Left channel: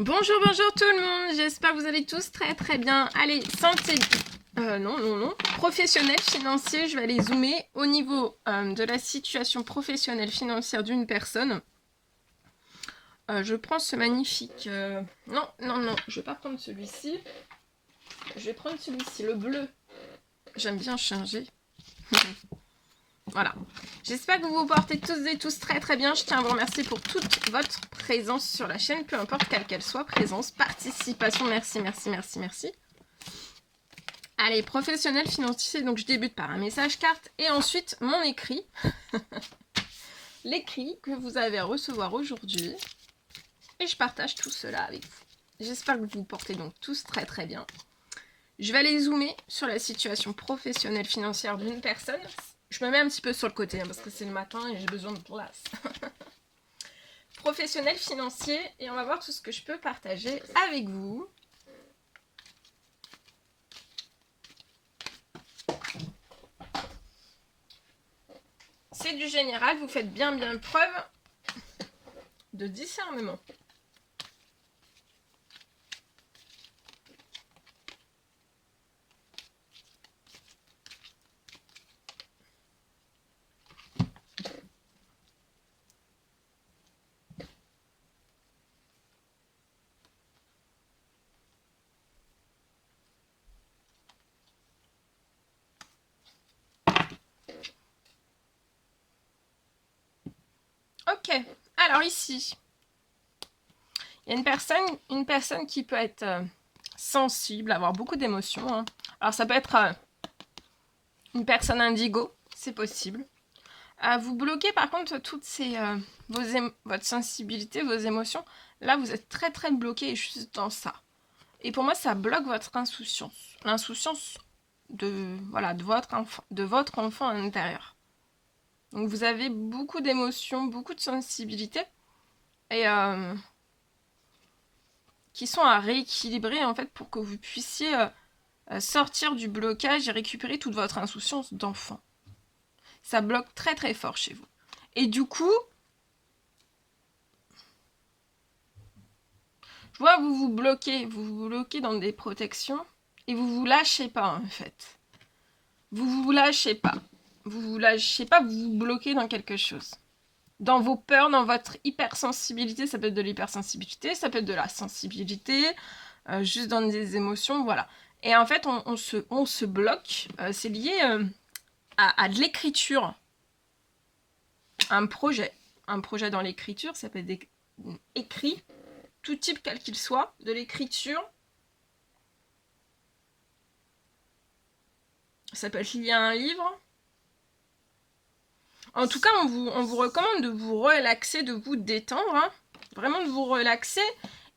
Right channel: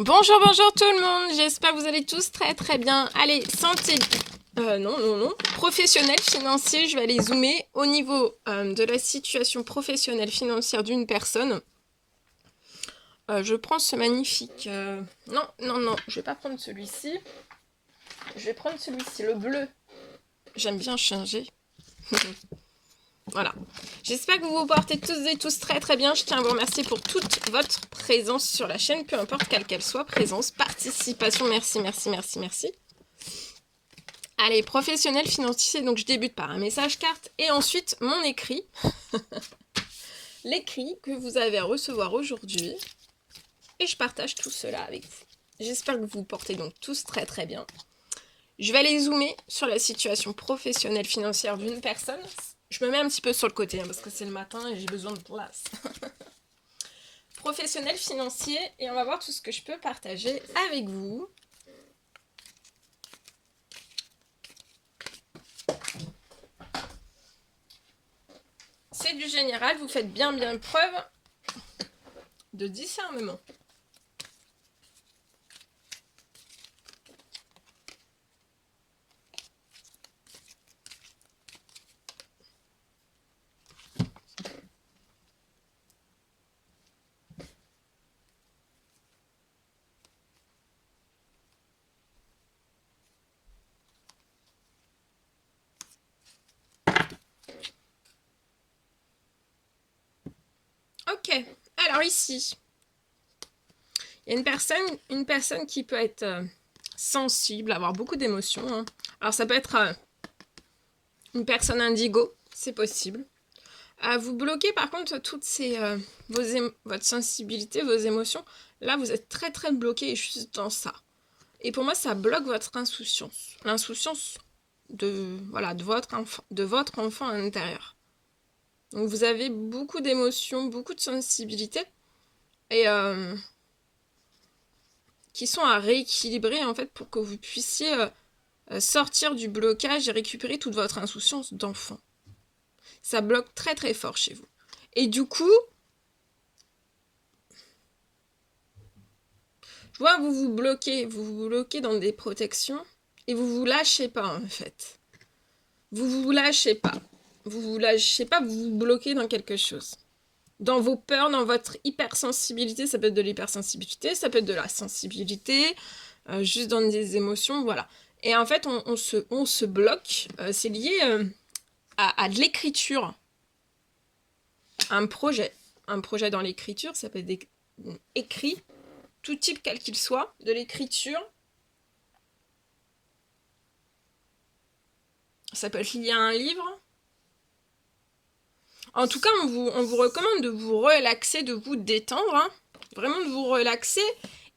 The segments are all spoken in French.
Bonjour, bonjour tout le monde, j'espère que vous allez tous très très bien. Allez, santé, non, professionnel, financier, je vais aller zoomer au niveau de la situation professionnelle financière d'une personne. Je prends ce magnifique... Non, je vais pas prendre celui-ci. Je vais prendre celui-ci, le bleu. J'aime bien changer. Voilà. J'espère que vous vous portez tous et tous très très bien. Je tiens à vous remercier pour toute votre présence sur la chaîne, peu importe quelle qu'elle soit, présence, participation, merci, merci, merci, merci. Allez, professionnel financier, donc je débute par un message carte et ensuite mon écrit. L'écrit que vous allez recevoir aujourd'hui. Et je partage tout cela avec vous. J'espère que vous vous portez donc tous très très bien. Je vais aller zoomer sur la situation professionnelle financière d'une personne. Je me mets un petit peu sur le côté parce que c'est le matin et j'ai besoin de place. Professionnel financier et on va voir tout ce que je peux partager avec vous. C'est du général, vous faites bien preuve de discernement. Ok, alors ici, il y a une personne qui peut être sensible, avoir beaucoup d'émotions. Hein. Alors ça peut être une personne indigo, c'est possible. Vous bloquez par contre toutes votre sensibilité, vos émotions. Là, vous êtes très très bloqué juste dans ça. Et pour moi, ça bloque votre insouciance. L'insouciance de votre enfant à l'intérieur. Donc vous avez beaucoup d'émotions, beaucoup de sensibilité et qui sont à rééquilibrer en fait pour que vous puissiez sortir du blocage et récupérer toute votre insouciance d'enfant. Ça bloque très très fort chez vous. Et du coup, je vois vous vous bloquez dans des protections et vous vous lâchez pas en fait. Vous vous lâchez pas. Vous vous bloquez dans quelque chose. Dans vos peurs, dans votre hypersensibilité, ça peut être de l'hypersensibilité, ça peut être de la sensibilité, juste dans des émotions, voilà. Et en fait, on se bloque, c'est lié à de l'écriture. Un projet dans l'écriture, ça peut être écrit, tout type quel qu'il soit, de l'écriture. Ça peut être lié à un livre. En tout cas, on vous recommande de vous relaxer, de vous détendre, hein. Vraiment de vous relaxer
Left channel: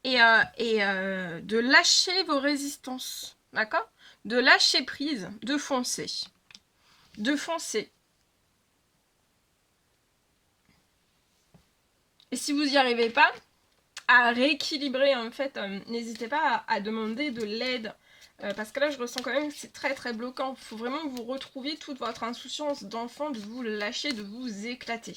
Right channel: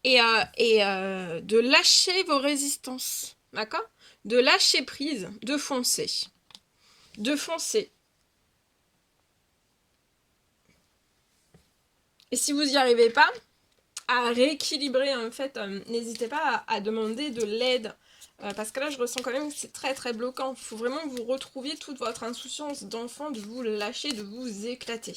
et de lâcher vos résistances, d'accord? De lâcher prise, de foncer. De foncer. Et si vous n'y arrivez pas, à rééquilibrer, en fait, n'hésitez pas à demander de l'aide. Parce que là, je ressens quand même que c'est très très bloquant. Il faut vraiment que vous retrouviez toute votre insouciance d'enfant, de vous lâcher, de vous éclater.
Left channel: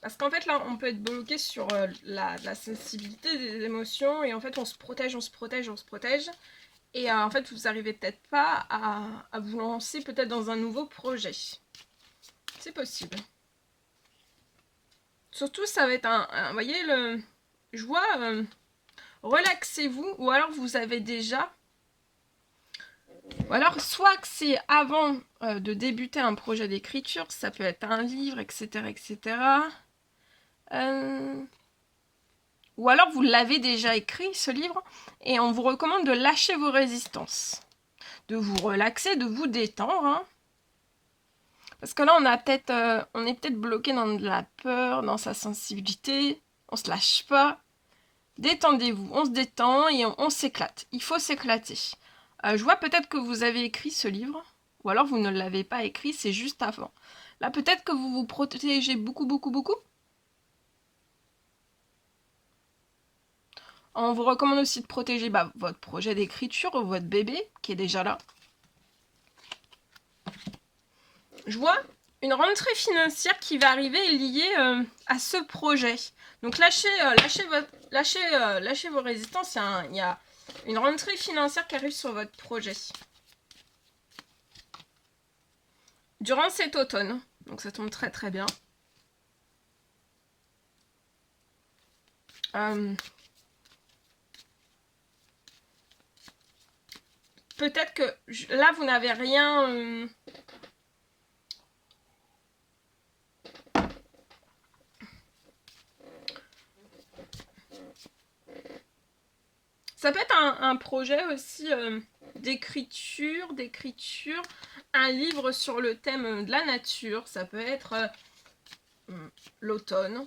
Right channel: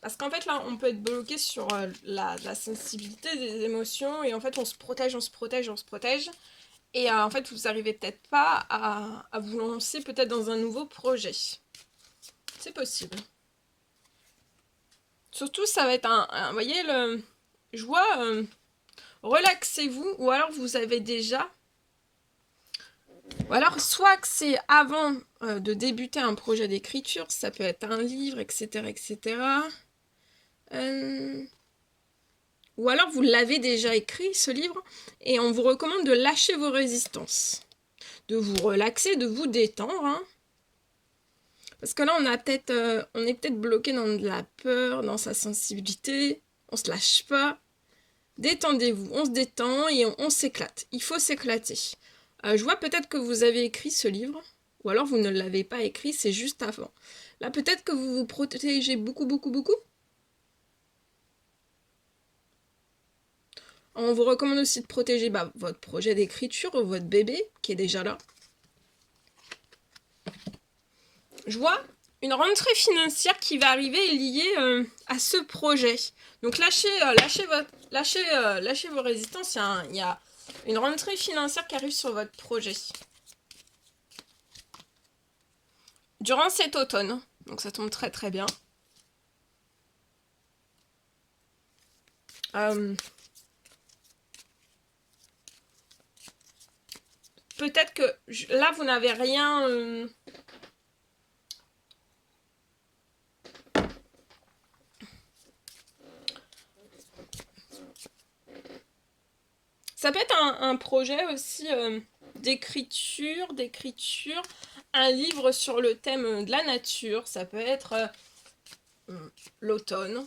Parce qu'en fait, là, on peut être bloqué sur la sensibilité des émotions. Et en fait, on se protège. Et en fait, vous n'arrivez peut-être pas à vous lancer peut-être dans un nouveau projet. C'est possible. Surtout, ça va être vous voyez, je vois, relaxez-vous. Ou alors, vous avez déjà... Ou alors, soit que c'est avant de débuter un projet d'écriture, ça peut être un livre, etc., etc. Ou alors, vous l'avez déjà écrit, ce livre, et on vous recommande de lâcher vos résistances, de vous relaxer, de vous détendre. Hein. Parce que là, on est peut-être bloqué dans de la peur, dans sa sensibilité, on se lâche pas. Détendez-vous, on se détend et on s'éclate. Il faut s'éclater. Je vois peut-être que vous avez écrit ce livre, ou alors vous ne l'avez pas écrit, c'est juste avant. Là, peut-être que vous vous protégez beaucoup. On vous recommande aussi de protéger votre projet d'écriture ou votre bébé qui est déjà là. Je vois une rentrée financière qui va arriver liée à ce projet. Donc lâchez lâchez vos résistances, il y a une rentrée financière qui arrive sur votre projet. Durant cet automne, donc ça tombe très très bien. Peut-être que là, vous n'avez rien... Ça peut être un projet aussi d'écriture, un livre sur le thème de la nature. Ça peut être l'automne,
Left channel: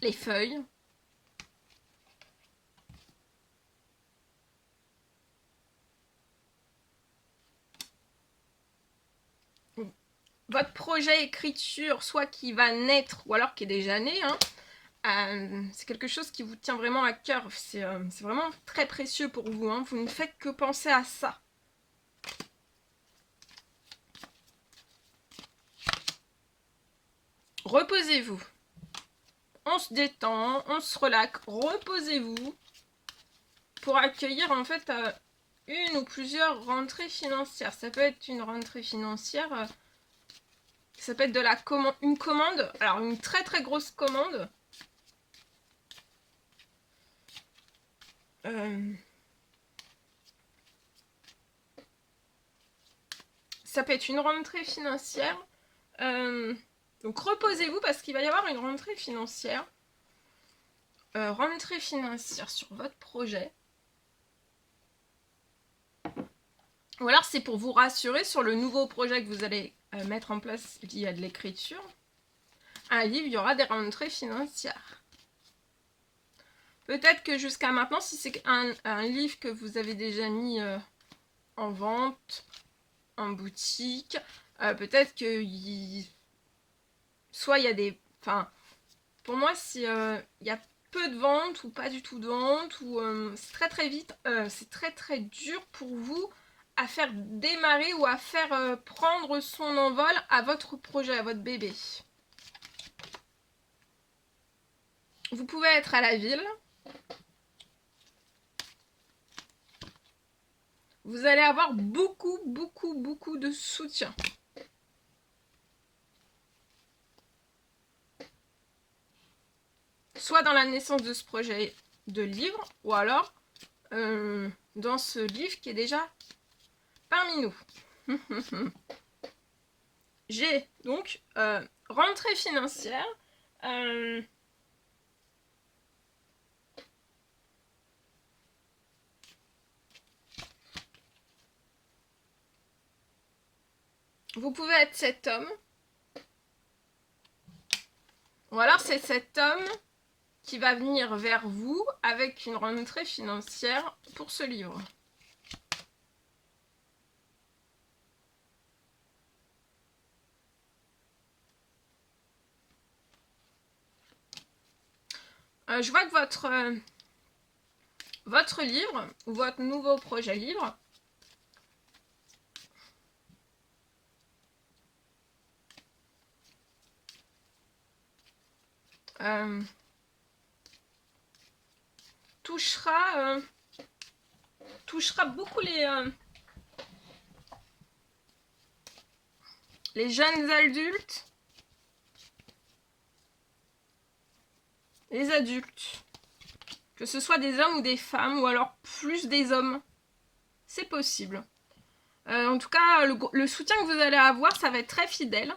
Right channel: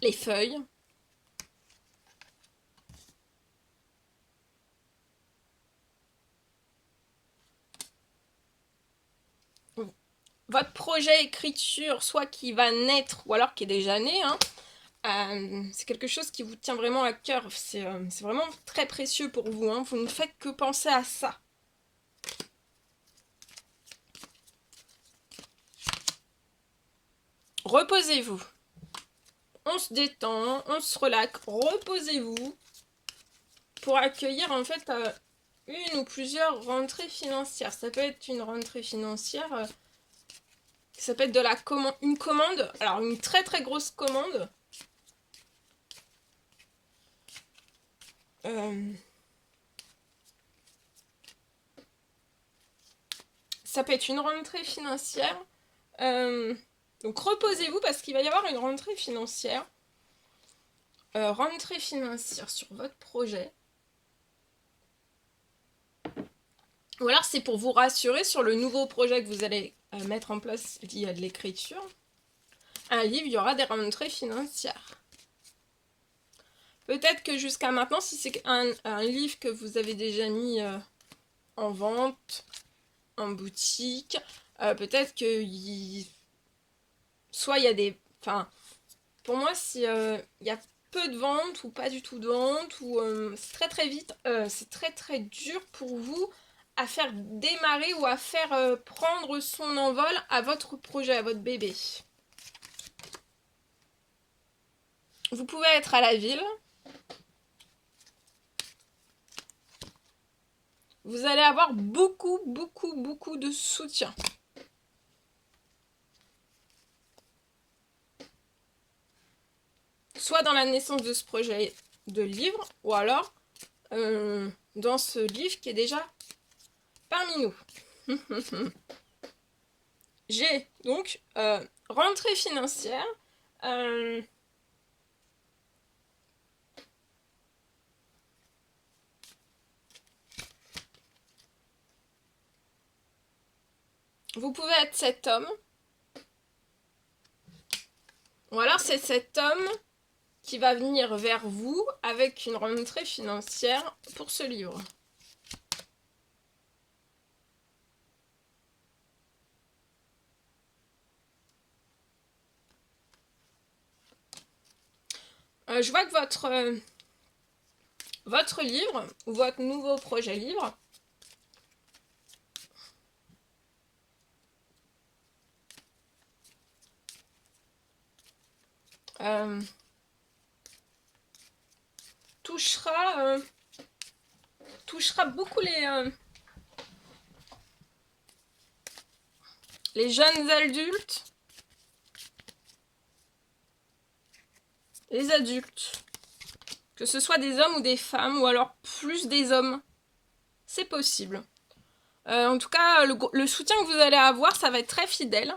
les feuilles. Votre projet écriture, soit qui va naître, ou alors qui est déjà né, hein, c'est quelque chose qui vous tient vraiment à cœur. C'est vraiment très précieux pour vous. Hein. Vous ne faites que penser à ça. Reposez-vous. On se détend, on se relaxe. Reposez-vous pour accueillir en fait une ou plusieurs rentrées financières. Ça peut être une rentrée financière, ça peut être une commande, alors une très très grosse commande. Ça peut être une rentrée financière. Donc reposez-vous parce qu'il va y avoir une rentrée financière. Rentrée financière sur votre projet. Ou alors c'est pour vous rassurer sur le nouveau projet que vous allez mettre en place lié à de l'écriture. Un livre, il y aura des rentrées financières. Peut-être que jusqu'à maintenant, si c'est un livre que vous avez déjà mis en vente, en boutique, peut-être que soit il y a des... Enfin, pour moi, si il y a peu de ventes ou pas du tout de ventes, ou c'est très très vite, c'est très très dur pour vous à faire démarrer ou à faire prendre son envol à votre projet, à votre bébé. Vous pouvez être à la ville. Vous allez avoir beaucoup de soutien. Soit dans la naissance de ce projet de livre, ou alors dans ce livre qui est déjà parmi nous. J'ai donc rentrée financière. Vous pouvez être cet homme. Ou alors c'est cet homme qui va venir vers vous avec une rentrée financière pour ce livre. Je vois que votre livre, ou votre nouveau projet livre, touchera beaucoup les jeunes adultes, les adultes, que ce soit des hommes ou des femmes, ou alors plus des hommes, c'est possible. En tout cas, le soutien que vous allez avoir, ça va être très fidèle.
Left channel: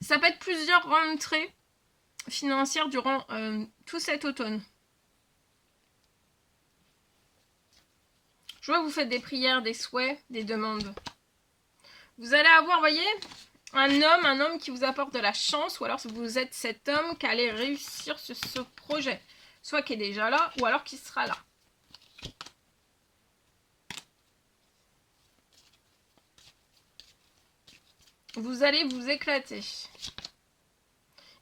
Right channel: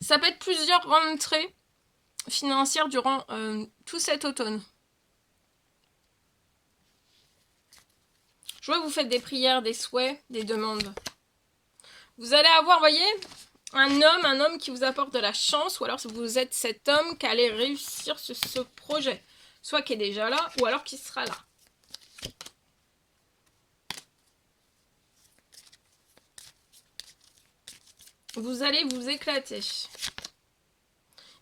Ça peut être plusieurs rentrées financières durant tout cet automne. Je vois que vous faites des prières, des souhaits, des demandes. Vous allez avoir, voyez, un homme qui vous apporte de la chance, ou alors vous êtes cet homme qui allait réussir sur ce projet. Soit qui est déjà là, ou alors qui sera là. Vous allez vous éclater.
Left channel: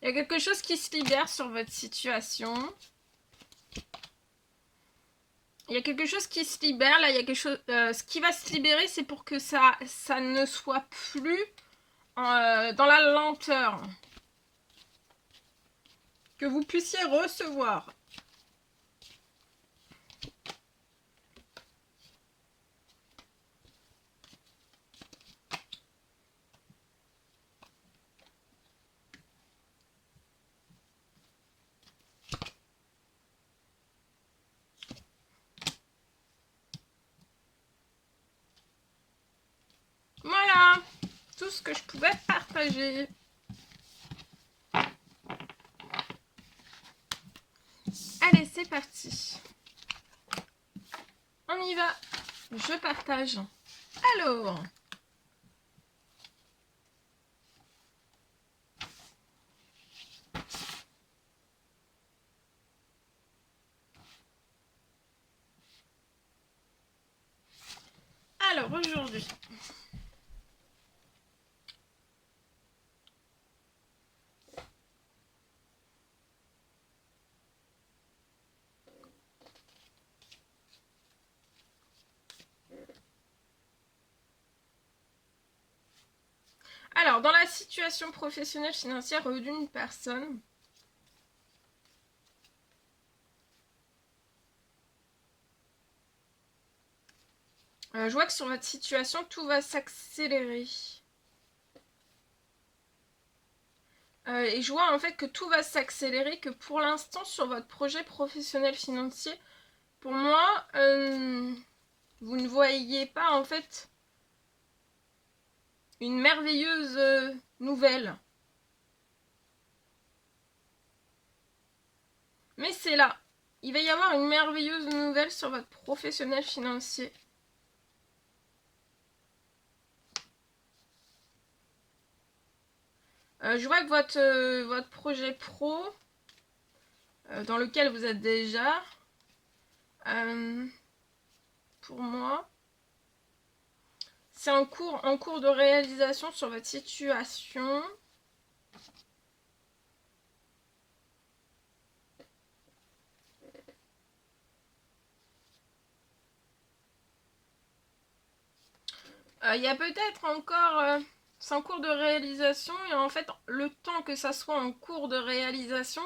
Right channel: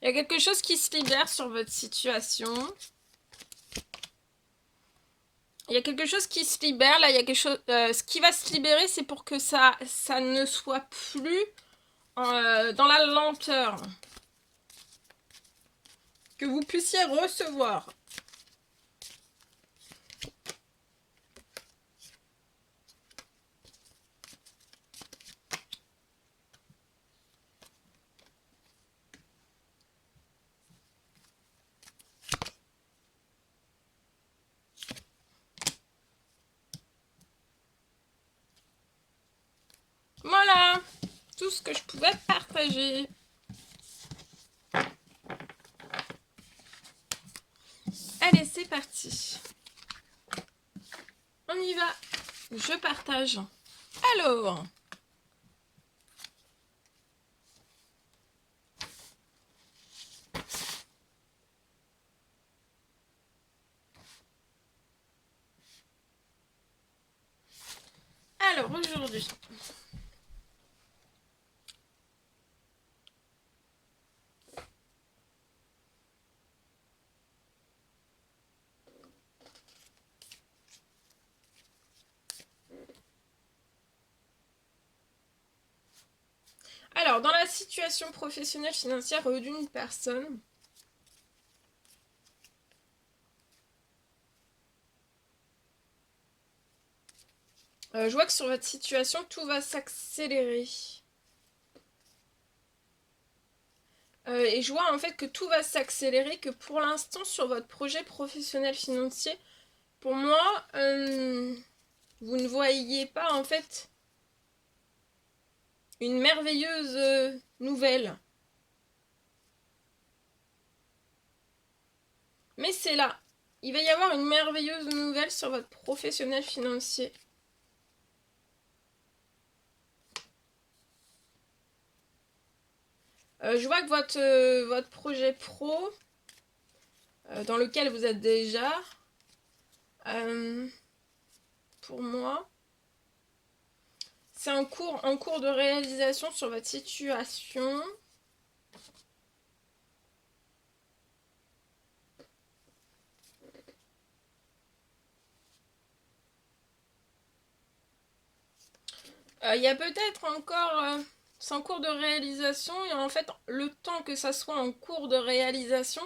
Il y a quelque chose qui se libère sur votre situation. Il y a quelque chose qui se libère. Là, il y a quelque chose. Ce qui va se libérer, c'est pour que ça ne soit plus dans la lenteur. Que vous puissiez recevoir. Voilà, tout ce que je pouvais partager. Allez, c'est parti. On y va. Je partage. Alors. Alors, aujourd'hui. Alors, dans la situation professionnelle financière d'une personne, je vois que sur votre situation, tout va s'accélérer. Et je vois en fait que tout va s'accélérer, que pour l'instant, sur votre projet professionnel financier, pour moi, vous ne voyez pas en fait une merveilleuse nouvelle. Mais c'est là. Il va y avoir une merveilleuse nouvelle sur votre professionnel financier. Je vois que votre projet pro, dans lequel vous êtes déjà, pour moi, c'est en cours de réalisation sur votre situation. Il y a peut-être encore... c'est en cours de réalisation et en fait, le temps que ça soit en cours de réalisation,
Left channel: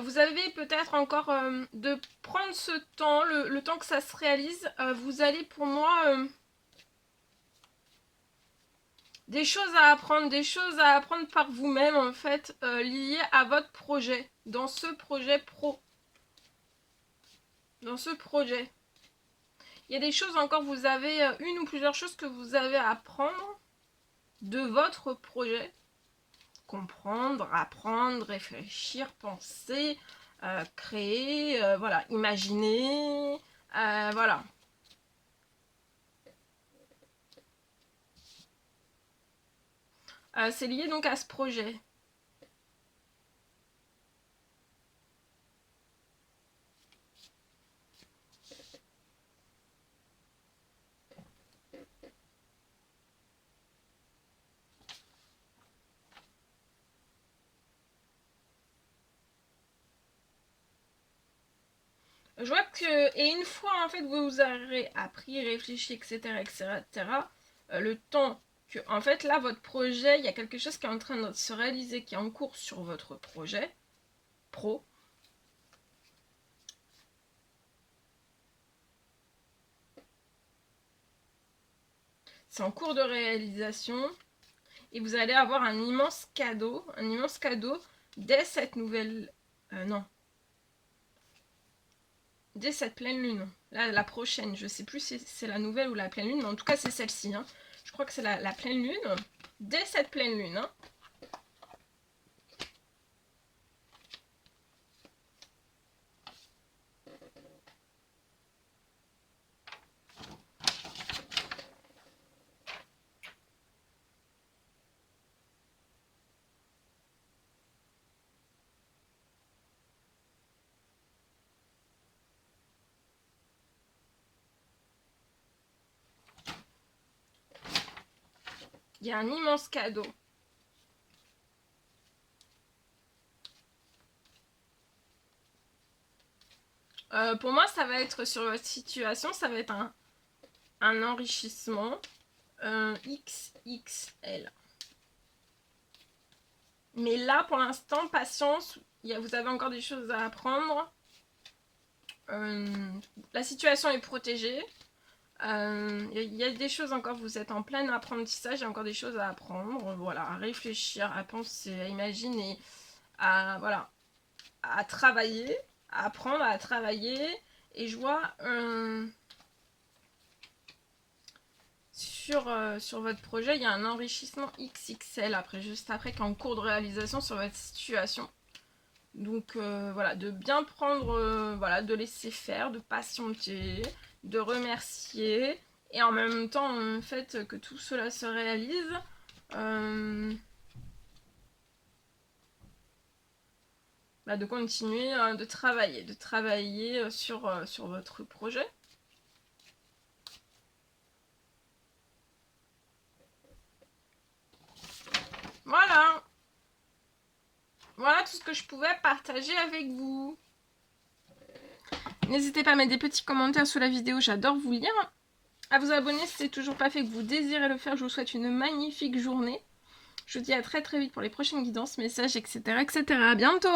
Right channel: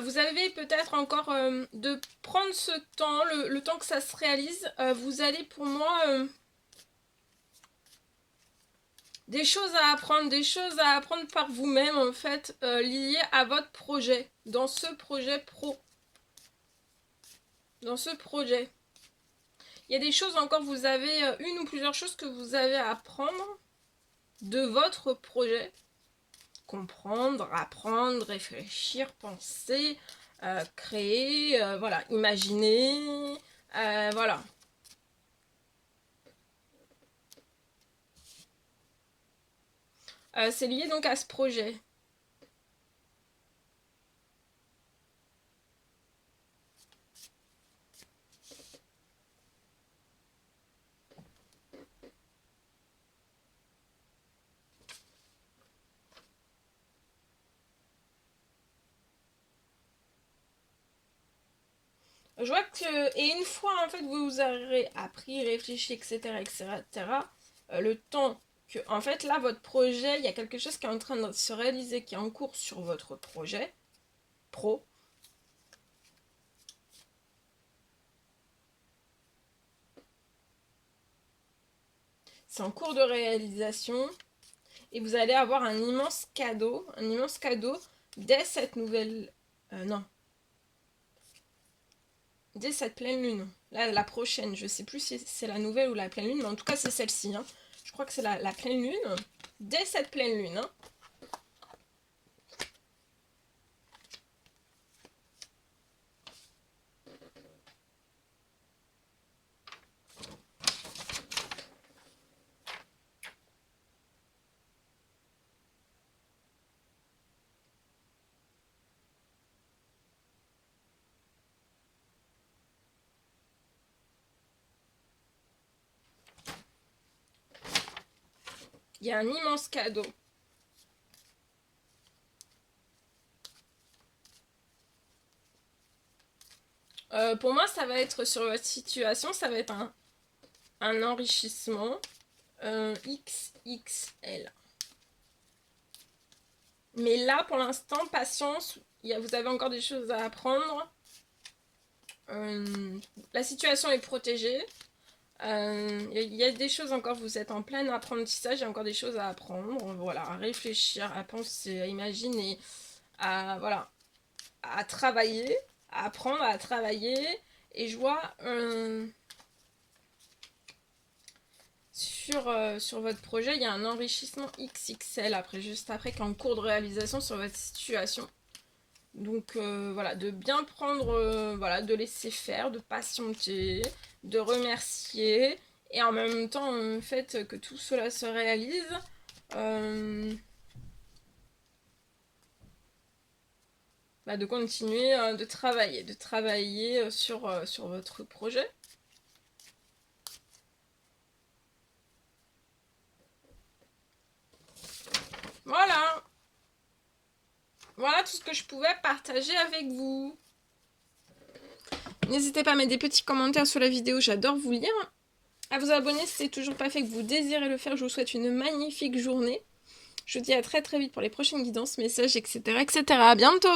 vous avez peut-être encore de prendre ce temps, le temps que ça se réalise. Vous allez pour moi... des choses à apprendre par vous-même en fait, liées à votre projet, dans ce projet pro. Dans ce projet. Il y a des choses encore, vous avez une ou plusieurs choses que vous avez à apprendre de votre projet. Comprendre, apprendre, réfléchir, penser, créer, voilà, imaginer, voilà. C'est lié donc à ce projet. Je vois que, et une fois en fait vous aurez appris, réfléchi, etc., etc., le temps que, en fait là, votre projet, il y a quelque chose qui est en train de se réaliser, qui est en cours sur votre projet pro. C'est en cours de réalisation et vous allez avoir un immense cadeau dès cette nouvelle... non. Dès cette pleine lune. Là, la prochaine, je sais plus si c'est la nouvelle ou la pleine lune, mais en tout cas c'est celle-ci. Hein. Je crois que c'est la pleine lune. Dès cette pleine lune. Hein. Il y a un immense cadeau. Pour moi, ça va être sur votre situation, ça va être un enrichissement XXL. Mais là, pour l'instant, patience, vous avez encore des choses à apprendre. La situation est protégée. Il y a des choses encore, vous êtes en plein apprentissage, il y a encore des choses à apprendre, voilà, à réfléchir, à penser, à imaginer, voilà, à travailler, à apprendre à travailler. Et je vois sur votre projet, il y a un enrichissement XXL après, juste après, qui est en cours de réalisation sur votre situation. Donc voilà, de bien prendre, voilà, de laisser faire, de patienter, de remercier, et en même temps, en fait, que tout cela se réalise. De continuer de travailler sur votre projet. Voilà. Voilà tout ce que je pouvais partager avec vous. N'hésitez pas à mettre des petits commentaires sous la vidéo, j'adore vous lire. À vous abonner si c'est toujours pas fait, que vous désirez le faire. Je vous souhaite une magnifique journée. Je vous dis à très très vite pour les prochaines guidances, messages, etc. etc. À bientôt!